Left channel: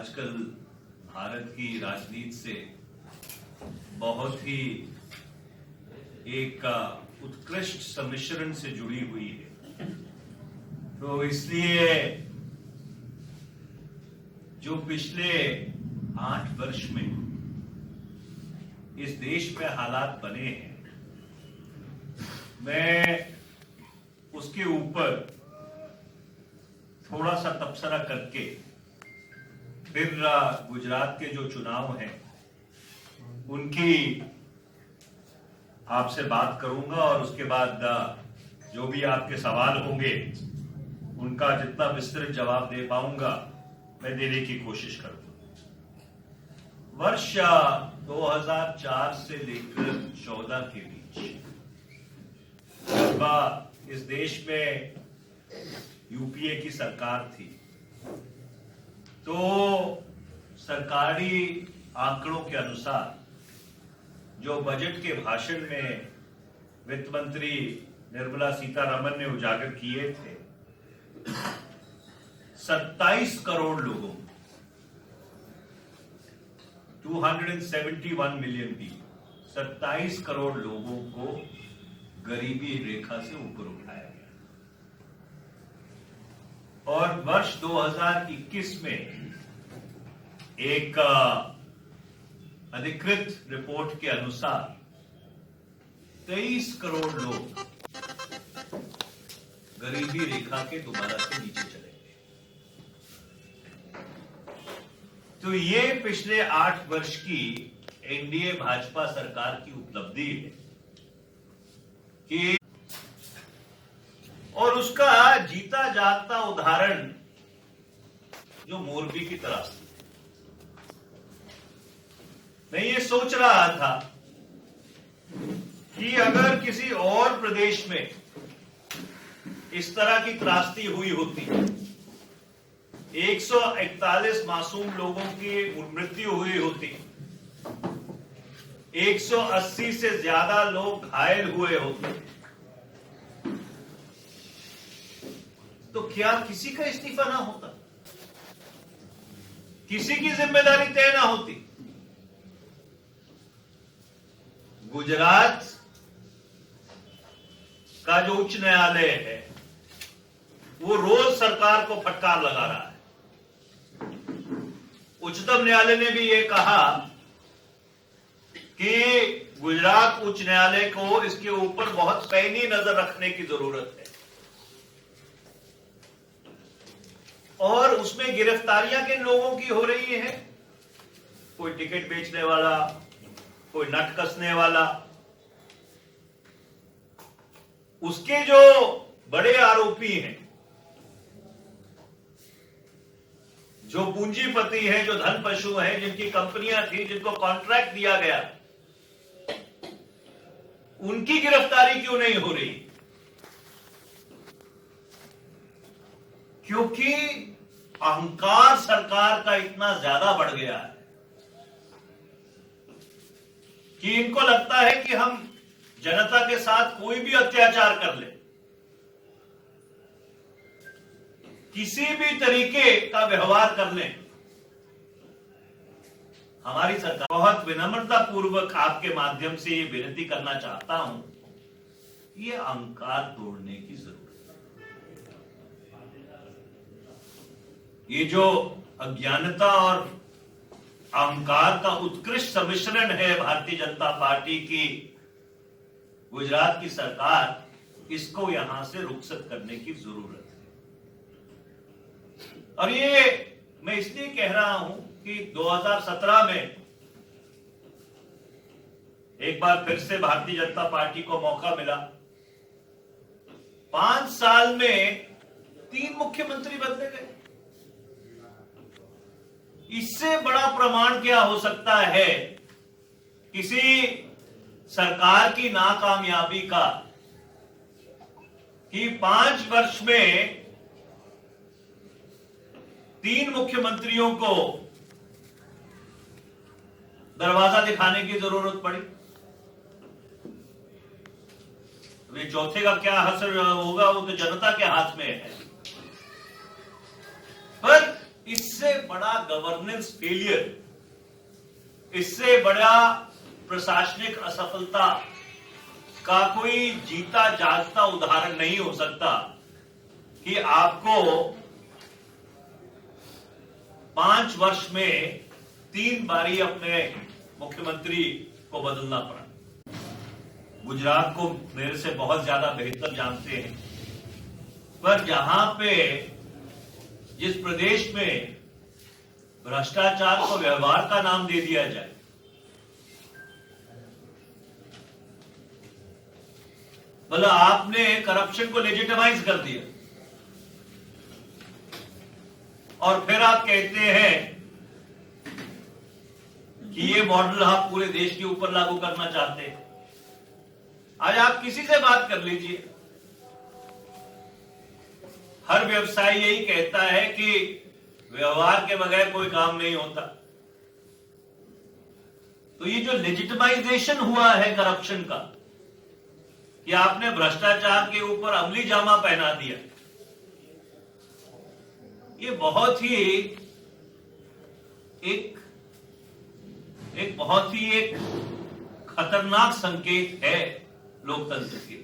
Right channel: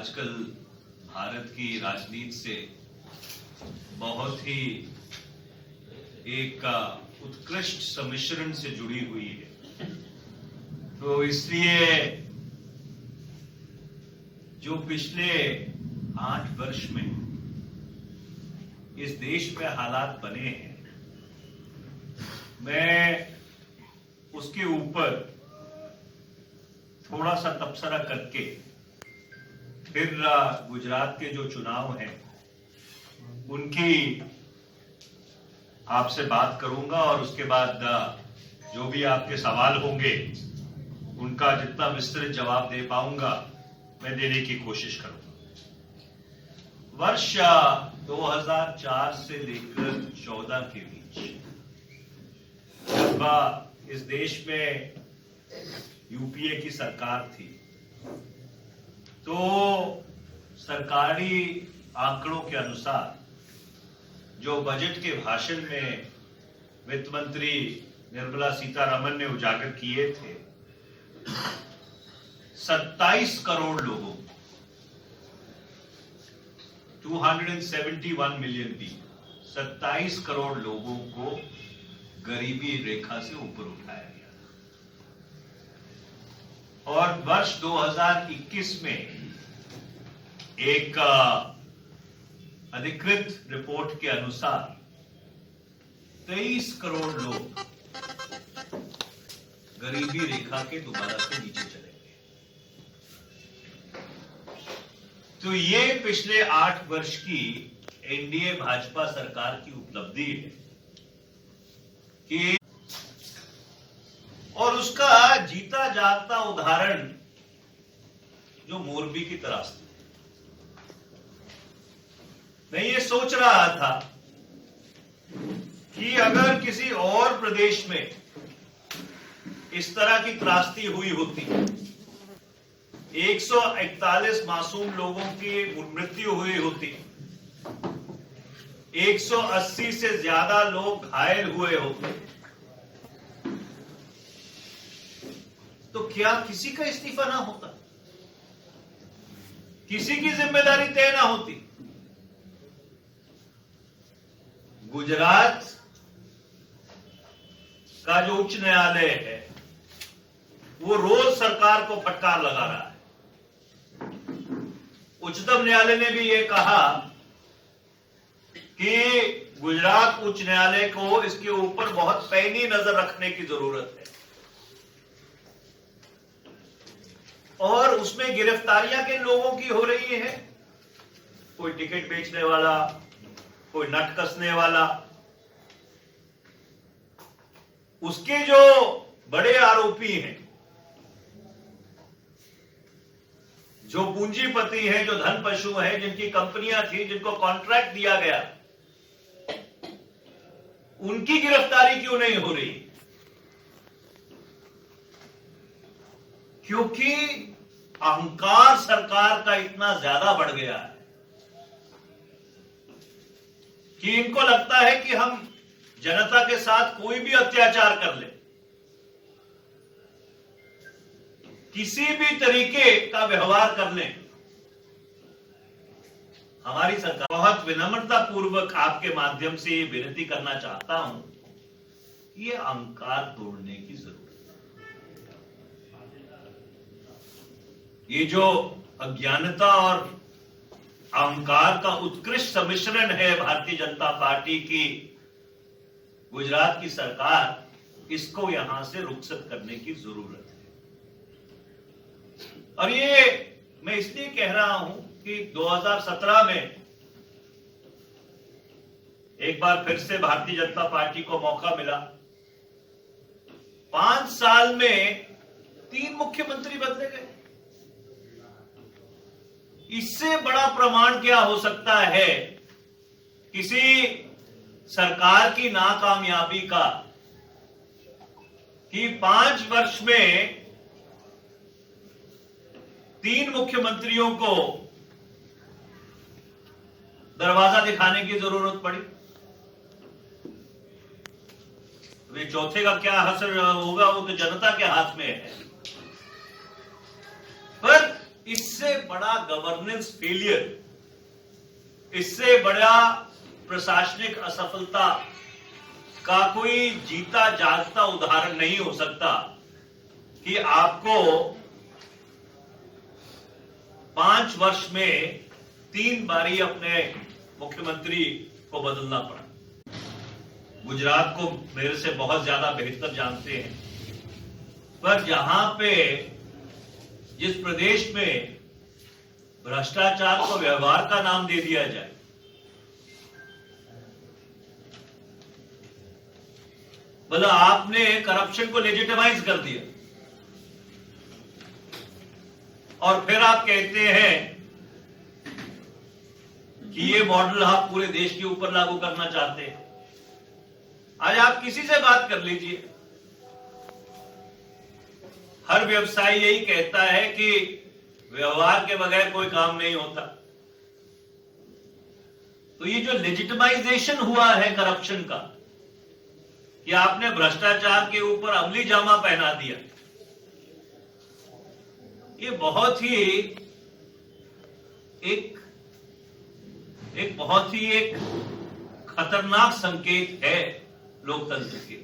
आजकल भारत की राजनीति से बहुत ही एक उत्कृष्ट सम्मिश्रण से जुड़ी हुई है। तो इसलिए जो पिछले 8 वर्ष में इस देश में हालात बने हैं, मैं उसके ऊपर थोड़ा सा तबसरा करके फिर गुजरात के जो चुनाव हैं उनकी आपसे बात करूंगा और उसके बाद जो भी आपके सवाल होंगे उनका जितना विस्तृत जवाब दे पाऊंगा मैं देने की कोशिश करूंगा। वर्ष 2004 से लेकर 14 के बीच जब इस देश में यूपीए की सरकार थी तो सरकारी आंकड़ों के अनुसार जो बजट के भाषण में वित्त मंत्री निर्मला सीतारमण ने उजागर किए थे, 27 करोड़ लोगों 271 मिलियन पीपल 27 करोड़ लोगों को गरीबी रेखा से ऊपर उठाया गया। और वर्ष 2021 में एक अधिकृत रिपोर्ट के अनुसार 23 करोड़ लोग गरीबी रेखा के दोबारा से नीचे चले गए। तो ये पिछले 8 वर्ष की एनडीए भाजपा सरकार की उपलब्धि है कि और उसका जीता जागता उदाहरण जो मोरबी की त्रासदी। मैं ये सोच रहा था कि अगर किसी और प्रदेश में इस तरह की त्रासदी हुई होती, 141 मासूम लोगों की मृत्यु हुई होती, 180 से ज्यादा लोग घायल हुए होते, तो क्या किसी का इस्तीफा ना होता? किसी की जिम्मेदारी तय ना होती? गुजरात का जो उच्च न्यायालय है वो रोज सरकार को फटकार लगा रहा है। उच्चतम न्यायालय ने भी ये कहा कि गुजरात उच्च न्यायालय को इसके ऊपर बहुत पैनी नजर रखने की जरूरत है और उसमें गिरफ्तारियां किन लोगों की हो रही है? कोई टिकट बेचने वाला, कोई नट कसने वाला, उसके जो बड़े आरोपी हैं, जो पूंजीपति हैं, जो धन पशु हैं, जिनकी कंपनियां थी, जिनको कॉन्ट्रैक्ट दिया गया, उनकी गिरफ्तारी क्यों नहीं हो रही? क्योंकि अहंकार सरकार का इतना ज्यादा बढ़ गया है कि इनको लगता है कि हम जनता के साथ कोई भी अत्याचार कर ले, किसी भी तरीके का व्यवहार कर ले, हमारी सरकार। बहुत विनम्रता पूर्वक आपके माध्यम से ये विनती करना चाहता हूं, ये अहंकार तोड़ने की जरूरत है। ये जो अज्ञानता और अहंकार का उत्कृष्ट सम्मिश्रण है भारतीय जनता पार्टी की गुजरात की सरकार, इसको यहां से रुखसत करने की जरूरत है। और ये मैं इसलिए कह रहा हूं कि 2017 में एक बार फिर से भारतीय जनता पार्टी को मौका मिला। 5 साल में 3 मुख्यमंत्री बदले गए। इससे बड़ा प्रमाण क्या हो सकता है किसी सरकार की नाकामयाबी का कि 5 वर्ष में 3 मुख्यमंत्रियों को दरवाजा दिखाने की जरूरत पड़ी। वे चौथे का क्या असर होगा वो तो जनता के हाथ में है। पर इस इससे बड़ा गवर्नेंस फेलियर, इससे बड़ा प्रशासनिक असफलता का कोई जीता जागता उदाहरण नहीं हो सकता कि आपको 5 वर्ष में 3 बारी अपने मुख्यमंत्री को बदलना पड़ा। गुजरात को मेरे से बहुत ज्यादा बेहतर जानते हैं, पर जहां पे जिस प्रदेश में भ्रष्टाचार को व्यवहार का नाम दे दिया जाए, बोला आपने करप्शन को लेजिटिमाइज कर दिया और फिर आप कहते हैं कि ये मॉडल आप पूरे देश के ऊपर लागू करना चाहते हैं। आज आप किसी से बात कर लीजिए, हर व्यवसायी यही कहता है कि व्यवहार के बगैर कोई काम नहीं होता। तो ये जो लेजिटिमाइजेशन हुआ है करप्शन का, कि आपने भ्रष्टाचार के ऊपर अमली जामा पहना दिया, ये बहुत ही एक बहुत ही एक खतरनाक संकेत है लोकतंत्र के।